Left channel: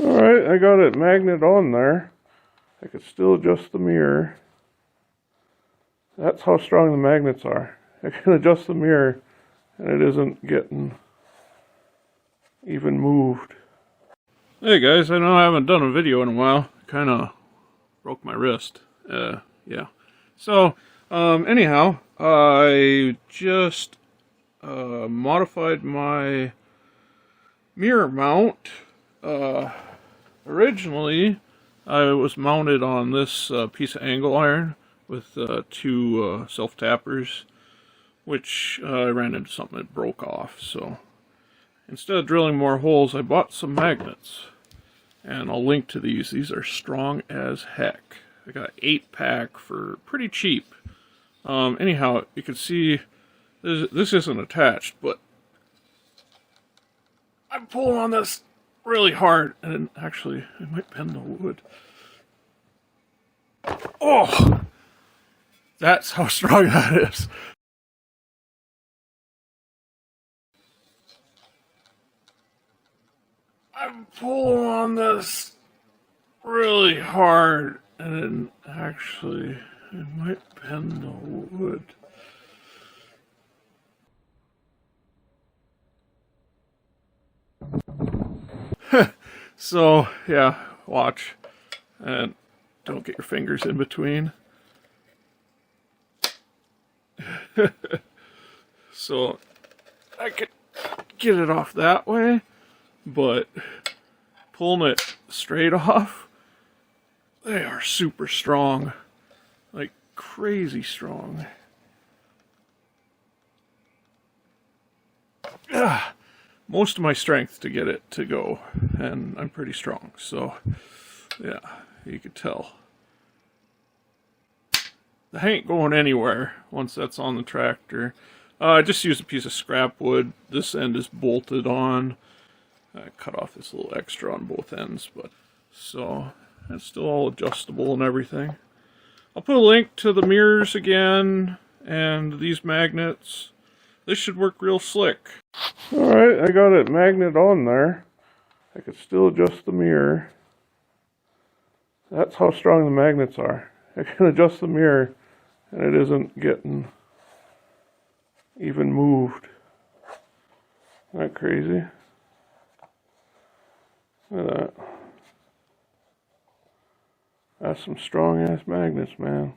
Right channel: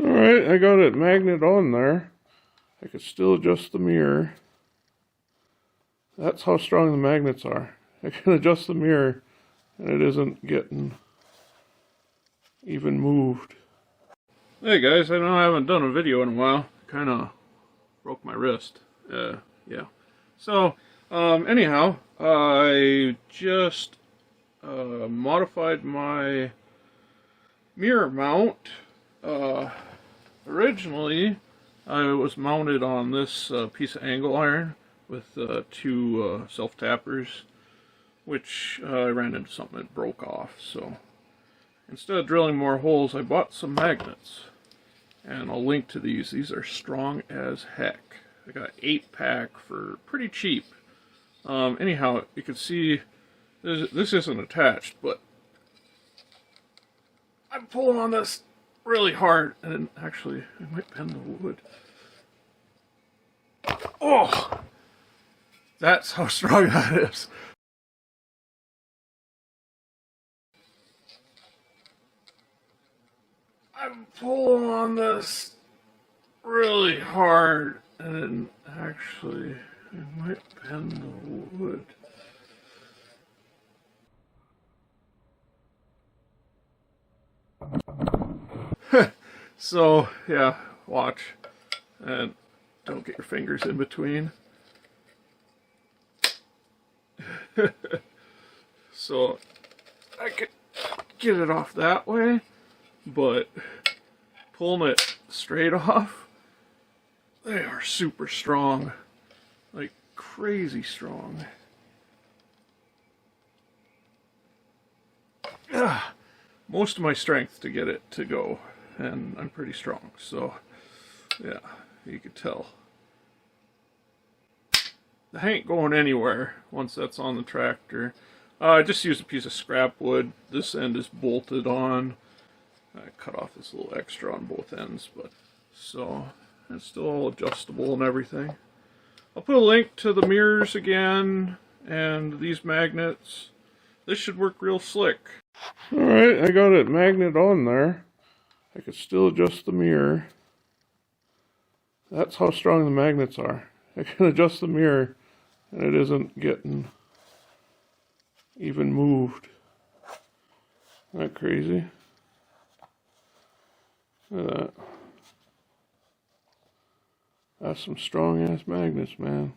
Alright, I got it magnet on there. I could still adjust the mirror. That's how strong the magnets are. I can adjust the mirror and it isn't getting even moved. Hey guys, I know I haven't done a video in a while. Kind of broke my wrist. Yeah. So, anyhow, I just modified my mirror mount. Originally, I was mounted on this piece of angle iron with two self-tappers, which I ran into something that broke off. So instead of drilling more holes, I bought some magnets. And I'll link to these. These are strong as heck. I got 8-pack for pretty cheap. Anyhow, you can see this isn't attached, but I'm pulling on this really hard, and actually, it might bend the wood. Oh! That's how strong that is. I'm pulling on this really hard, and actually, it might bend the wood. So, yeah, watch. And don't get your fingers in between. So, I could get it off that way, but pulling it straight off, they are super strong. Like, crazy strong. Most of my strength to get it to go, and I'm pretty strong, so yeah, you could tell. That ain't going anywhere once that's on the tractor. I just used a piece of scrap wood. This end is bolted on. I cut off this little extra on both ends, but so it's still all adjustable and everything. I'll put a link to the mirrors again and these magnets. This should work real slick. Alright, I got it magnet on there. I could still adjust the mirror. That's how strong the magnets are. I can adjust the mirror and it isn't getting even moved. Isn't that crazy? Look at that. That's some strong ass magnets, man.